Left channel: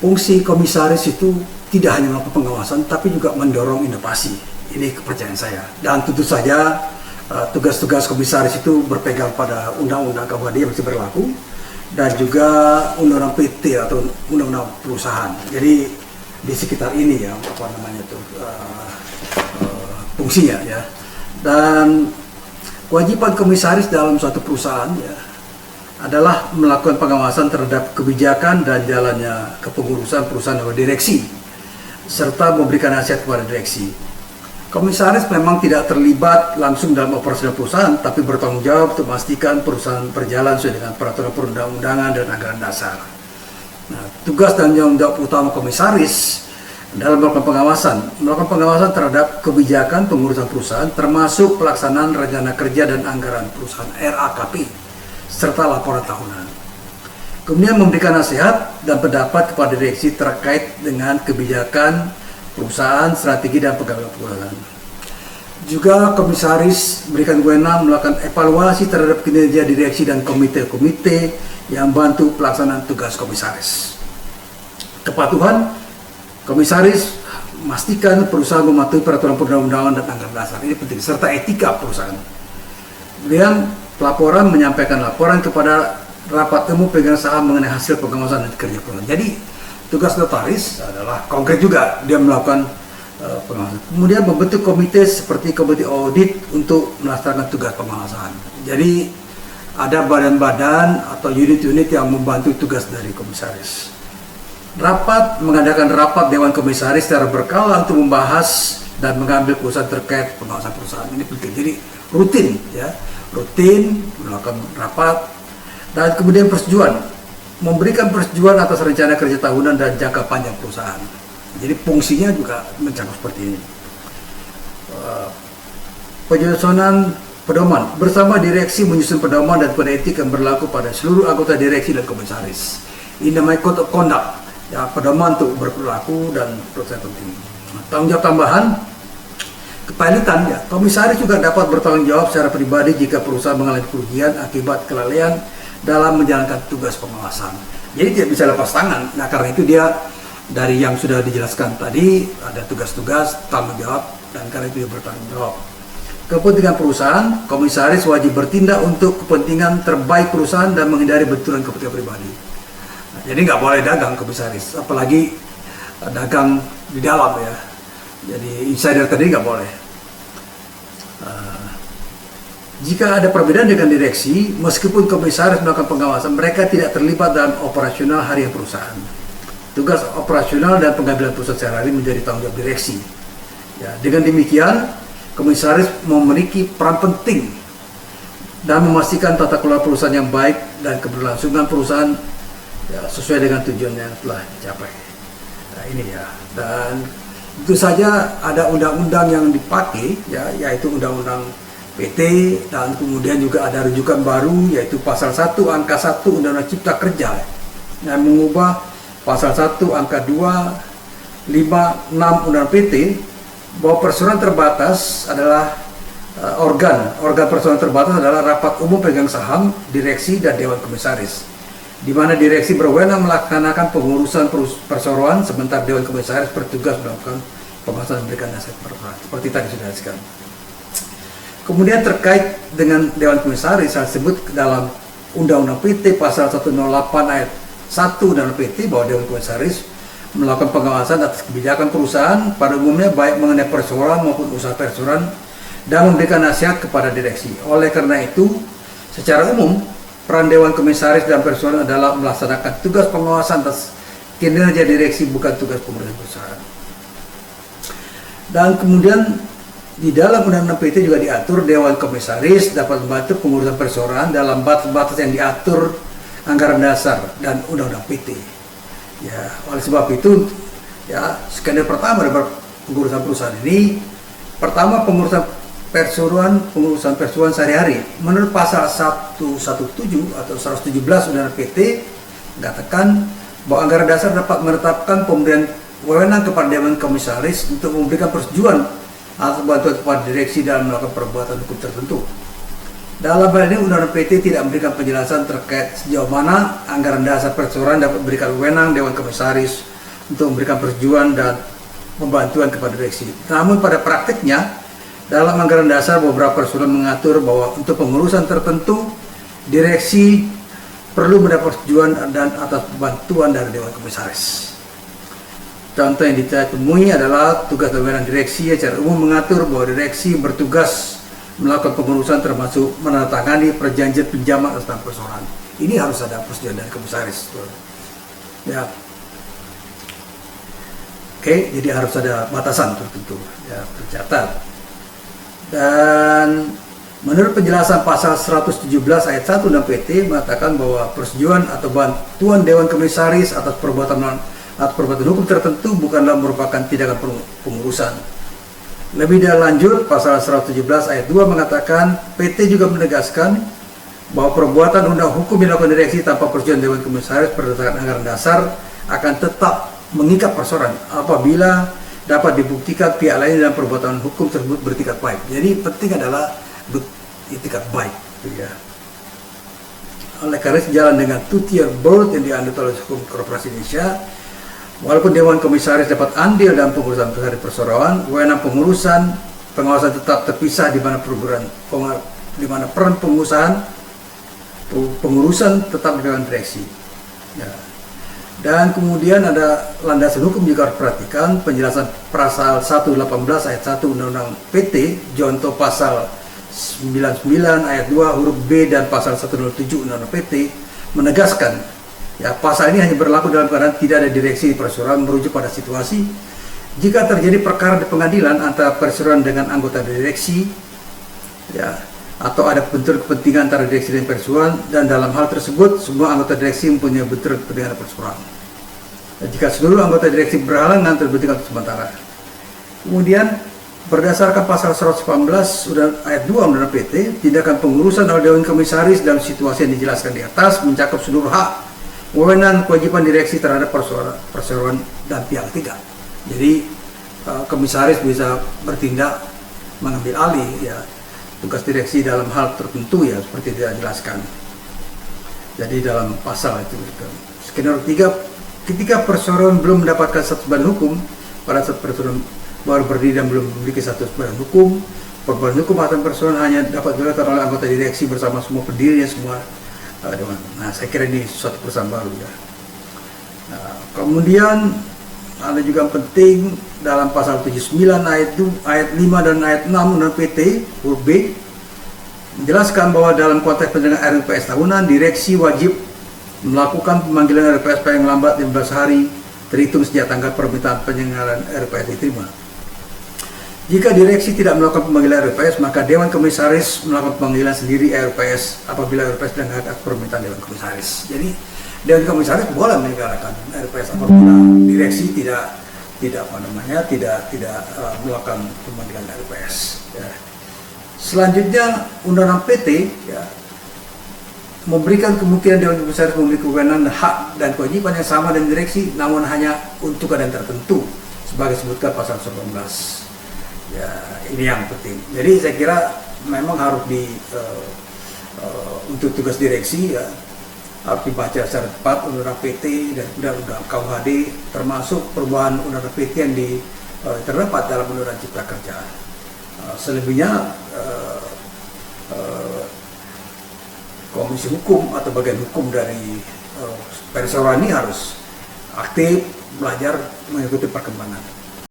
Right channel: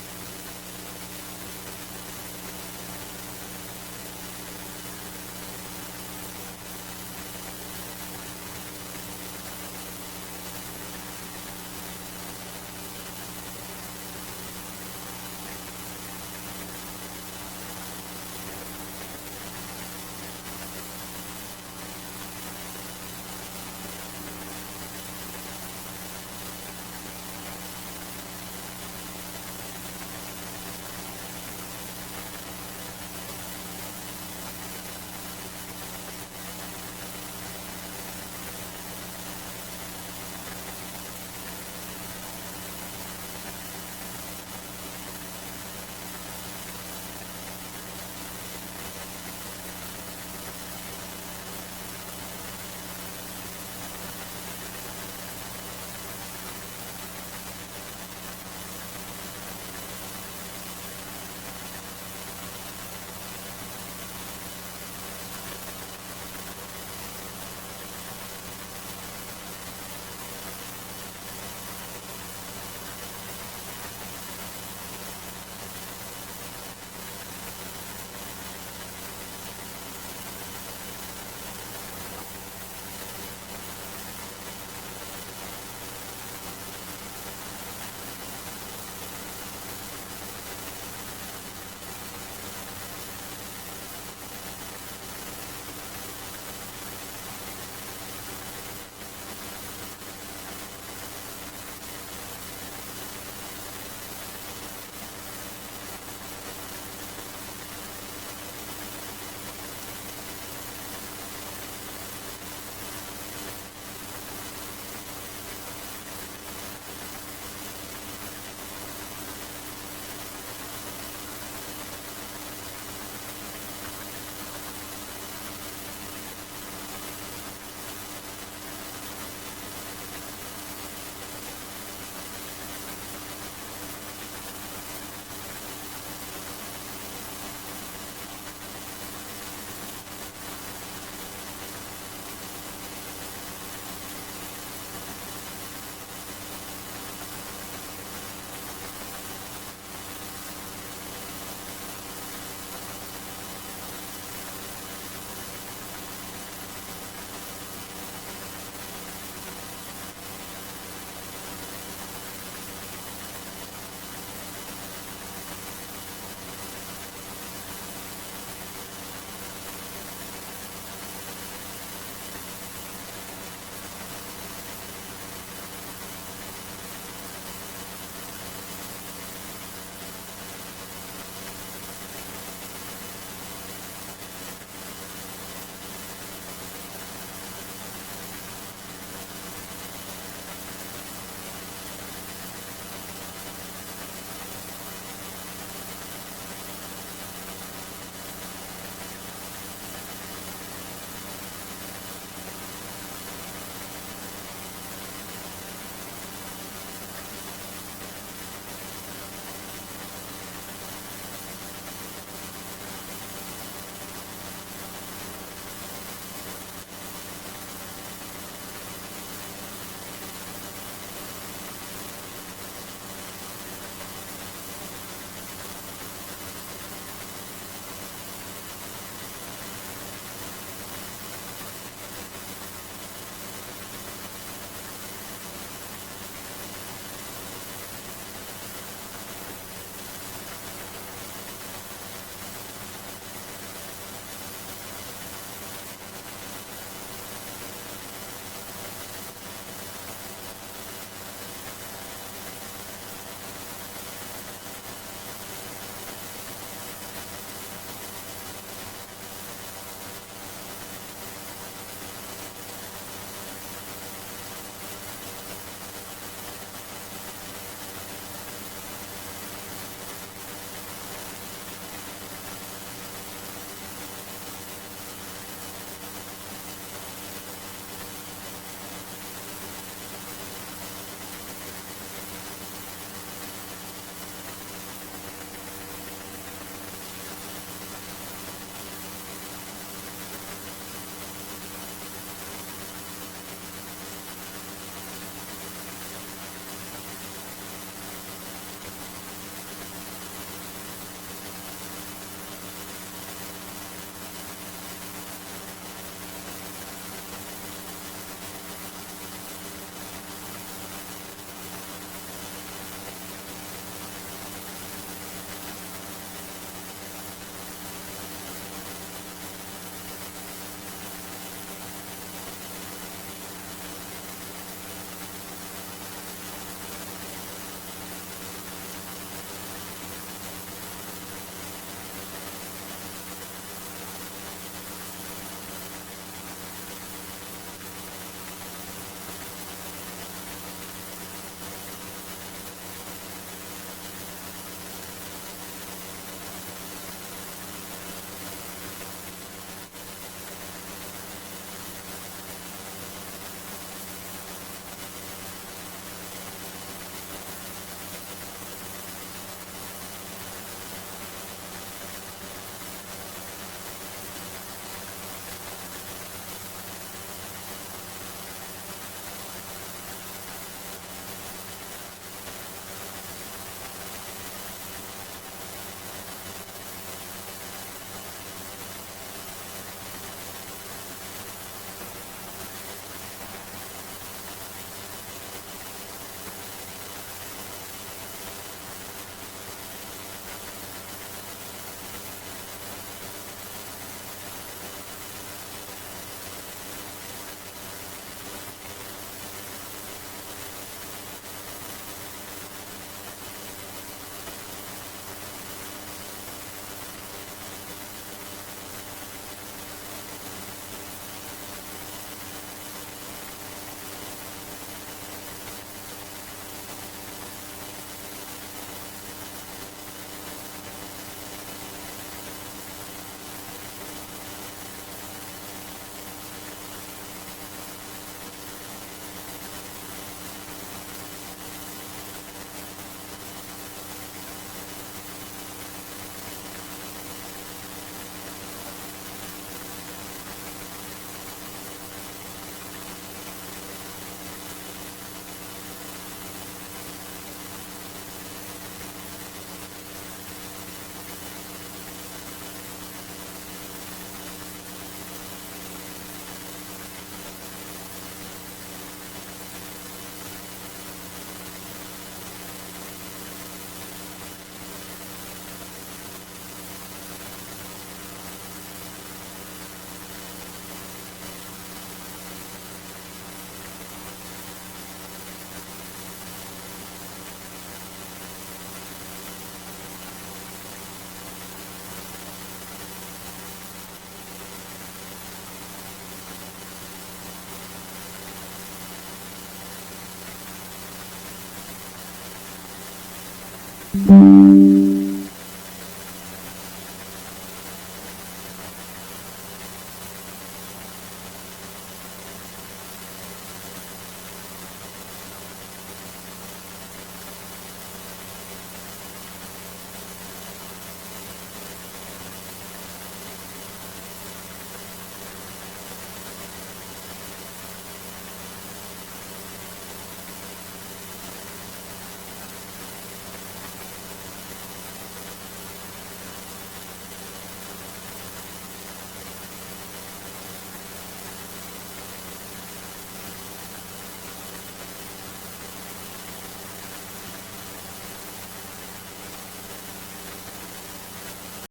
fungsi komisaris itu tidak hanya melakukan pengawasan, tapi juga mendorong inovasi. Ini kepercayaan saya. Dan tentu saja tugas-tugas komisaris itu berpegang pada undang-undang KUHD yang masih berlaku dan juga undang-undang PT atau undang-undang perusahaan. Jadi di sekitar ini ya apa namanya itu fungsinya ya. Dan kewajiban komisaris dalam suatu perusahaan ya adalah melakukan pengawasan terhadap kebijakan dan jalannya kepengurusan perusahaan oleh direksi serta memberikan nasihat kepada direksi. Komisaris memang tidak terlibat langsung dalam operasi perusahaan, tapi bertanggung jawab untuk memastikan perusahaan berjalan sesuai dengan peraturan perundang-undangan dan anggaran dasar. Nah, tugas dan tanggung jawab utama komisaris dalam melakukan pengawasan terhadap kebijakan pengurusan perusahaan, termasuk pelaksanaan rencana kerja dan anggaran perusahaan (RAKP) serta laporan tahunan. Kemudian memberikan nasihat dan pendapat kepada direksi terkait dengan kebijakan perusahaan, strategi dan pegawai perusahaan. Juga komisaris berikan wewenang melakukan evaluasi terhadap kinerja direksi dan komite-komite yang membantu pelaksanaan tugas komisaris. Kepatuhan komisaris memastikan perusahaan mematuhi peraturan perundang-undangan dan anggaran dasar. Ini penting, serta etika perusahaan. Kemudian pelaporan menyampaikan laporan kepada rapat umum pemegang saham mengenai hasil pengawasan dan kerja perusahaan. Jadi tugas notaris adalah konkret juga, dia melakukan pengawasan. Kemudian membentuk komite seperti komite audit untuk melaksanakan tugas pengawasan. Jadi ada badan-badan atau unit-unit yang membantu tugas dari komisaris. Mengadakan rapat Dewan Komisaris secara berkala untuk membahas dan mengambil keputusan terkait pengawasan perusahaan. Ini penting, jadi rutin melakukan rapat. Dan kemudian persetujuan, memberikan persetujuan atas rencana kerja tahunan dan jangka panjang perusahaan. Jadi fungsinya juga mencakup seperti ini. Penyusunan pedoman, bersama direksi menyusun pedoman dan kode etik yang berlaku pada seluruh anggota direksi dan komisaris. Ini namanya code of conduct, ya, pedoman untuk berperilaku dan proses penting. Tanggung jawab tambahan, kepanitan, ya, komisaris juga dapat bertanggung jawab secara pribadi jika perusahaan mengalami kerugian akibat kelalaian dalam menjalankan tugas pengawasan. Jadi tidak bisa lepas tangan. Nah, karena itu dia dari yang sudah dijelaskan tadi ada tugas-tugas, tanggung jawab, dan karena itu dia bertanggung jawab. Kepentingan perusahaan, komisaris wajib bertindak untuk kepentingan terbaik perusahaan dan menghindari benturan kepentingan pribadi. Nah, jadi nggak boleh dagang komisaris, apalagi dagang di dalam ya. Jadi insider tadi nggak boleh. Jika ada perbedaan dengan direksi, meskipun komisaris melakukan pengawasan, mereka tidak terlibat dalam operasional harian perusahaan. Tugas operasional dan pengambilan keputusan sehari-hari menjadi tanggung jawab direksi. Ya, dengan demikian, komisaris memiliki peran penting dan memastikan tata kelola perusahaan yang baik dan keberlangsungan perusahaan ya, sesuai dengan tujuan yang telah dicapai. Nah, ini ya. Dan tentu saja ada undang-undang yang dipakai, ya, yaitu undang-undang PT, dan kemudian juga ada rujukan baru yaitu pasal 1 angka 1 Undang-Undang Cipta Kerja yang mengubah pasal 1 angka 2, 5, 6 Undang-Undang PT bahwa perseroan terbatas adalah organ perseroan terbatas adalah rapat umum pemegang saham, direksi dan dewan komisaris, di mana direksi berwenang melaksanakan pengurusan perseroan sementara dewan komisaris bertugas melakukan pengawasan dan memberikan nasihat seperti tadi sudah disebutkan. Kemudian terkait dengan Dewan Komisaris, saya sebut dalam Undang-Undang PT pasal 108 ayat 1 Undang-Undang PT bahwa Dewan Komisaris melakukan pengawasan atas kebijakan perusahaan pada umumnya baik mengenai perseroan maupun usaha perseroan dan memberikan nasihat kepada direksi. Oleh karena itu, secara umum peran Dewan Komisaris dan perseroan adalah melaksanakan tugas pengawasan atas kinerja direksi, bukan tugas pengurusan perusahaan. Dan kemudian di dalam Undang-Undang PT juga diatur Dewan Komisaris dapat membantu pengurusan perseroan dalam batas-batas yang diatur anggaran dasar dan Undang-Undang PT. Ya, oleh sebab itu, ya, skenario pertama dari pengurusan perusahaan ini, pertama pengurusan perseroan sehari-hari. Menurut pasal 117 atau 117 Undang-Undang PT mengatakan bahwa anggaran dasar dapat menetapkan pemberian wewenang kepada Dewan Komisaris untuk memberikan persetujuan atau bantuan kepada direksi dalam melakukan perbuatan hukum tertentu. Dalam hal ini Undang-Undang PT tidak memberikan penjelasan terkait sejauh mana anggaran dasar perseroan dapat memberikan wewenang Dewan Komisaris untuk memberikan persetujuan dan pembantuan kepada direksi. Namun pada praktiknya, dalam anggaran dasar beberapa perseroan mengatur bahwa untuk pengurusan tertentu, direksi perlu mendapat persetujuan dan atas bantuan dari Dewan Komisaris. Contoh yang ditemui adalah tugas dan wewenang direksi yang secara umum mengatur bahwa direksi bertugas melakukan pengurusan termasuk menandatangani perjanjian pinjaman atas nama perseroan. Ini harus ada persetujuan dari komisaris. Ya. Oke, jadi harus ada batasan tertentu. Ya, tercatat. Dan menurut penjelasan pasal 117 ayat 1 Undang PT mengatakan bahwa persetujuan atau bantuan Dewan Komisaris atas perbuatan hukum tertentu bukanlah merupakan tindakan pengurusan. Lebih lanjut, pasal 117 ayat 2 mengatakan PT juga menegaskan bahwa perbuatan undang hukum yang dilakukan direksi tanpa persetujuan Dewan Komisaris berdasarkan anggaran dasar akan tetap mengikat perseroan apabila dapat dibuktikan pihak lain dalam perbuatan hukum tersebut beretikat baik. Jadi penting adalah etikat baik. Ya. Oleh karena sejalan dengan two-tier board yang dianut oleh hukum korporasi Indonesia, walaupun Dewan Komisaris dapat andil dalam pengurusan besar perseroan, wewenang pengawasan tetap terpisah di mana peran pengurusan tetap dengan direksi. Ya. Dan kemudian ada landasan hukum juga harus perhatikan penjelasan pasal 118 ayat 1 Undang-Undang PT, contoh pasal 99 ayat 2 huruf B dan pasal 107 Undang-Undang PT menegaskan ya, pasal ini hanya berlaku dalam keadaan tidak ada direksi perseroan, merujuk pada situasi jika terjadi perkara di pengadilan antara perseroan dengan anggota direksi, ya, atau ada bentur kepentingan antara direksi dan perseroan, dan dalam hal tersebut semua anggota direksi mempunyai bentur kepentingan perseroan. Dan jika seluruh anggota direksi berhalangan terbentuk sementara. Kemudian berdasarkan pasal 118 ayat 2 Undang-Undang PT, tindakan pengurusan oleh Dewan Komisaris dalam situasi yang dijelaskan di atas mencakup seluruh hak, wewenang, kewajiban direksi terhadap perseroan dan pihak ketiga. Jadi komisaris bisa bertindak mengambil alih ya tugas direksi dalam hal tertentu ya seperti tidak dijelaskan. Jadi dalam pasal itu. Skenario 3, ketika perseroan belum mendapatkan status badan hukum, pada saat perseroan baru berdiri dan belum memiliki status badan hukum, perbuatan hukum atas perseroan hanya dapat dilakukan oleh anggota direksi bersama semua pendirinya semua. Nah, saya kira ini suatu perusahaan baru ya. Nah, kemudian ada juga yang penting dalam pasal 79 ayat 5 dan ayat 6 Undang PT huruf B menjelaskan bahwa dalam konteks penyelenggaraan RUPS tahunan, direksi wajib melakukan pemanggilan RUPS paling lambat 15 hari terhitung sejak tanggal permintaan penyelenggaraan RUPS diterima. Jika direksi tidak melakukan pemanggilan RUPS, maka Dewan Komisaris melakukan pemanggilan sendiri RUPS apabila RUPS dengan atas permintaan Dewan Komisaris. Jadi Dewan Komisaris boleh menyelenggarakan RUPS apabila direksi tidak melakukan pemanggilan RUPS. Ya. Selanjutnya Undang-Undang PT ya, memberikan kemungkinan Dewan Komisaris memiliki kewenangan, hak dan kewajiban yang sama dengan direksi, namun hanya untuk keadaan tertentu, sebagai disebutkan pasal 19. Ya, ini yang penting. Jadi saya kira memang harus untuk tugas direksi ya, harus dibaca secara tepat Undang-Undang PT dan Undang-Undang KUHD, termasuk perubahan Undang-Undang PT yang terdapat dalam Undang-Undang Cipta Kerja. Selebihnya Komisi Hukum atau bagian hukum dari perseroan ini harus aktif belajar mengikuti perkembangan.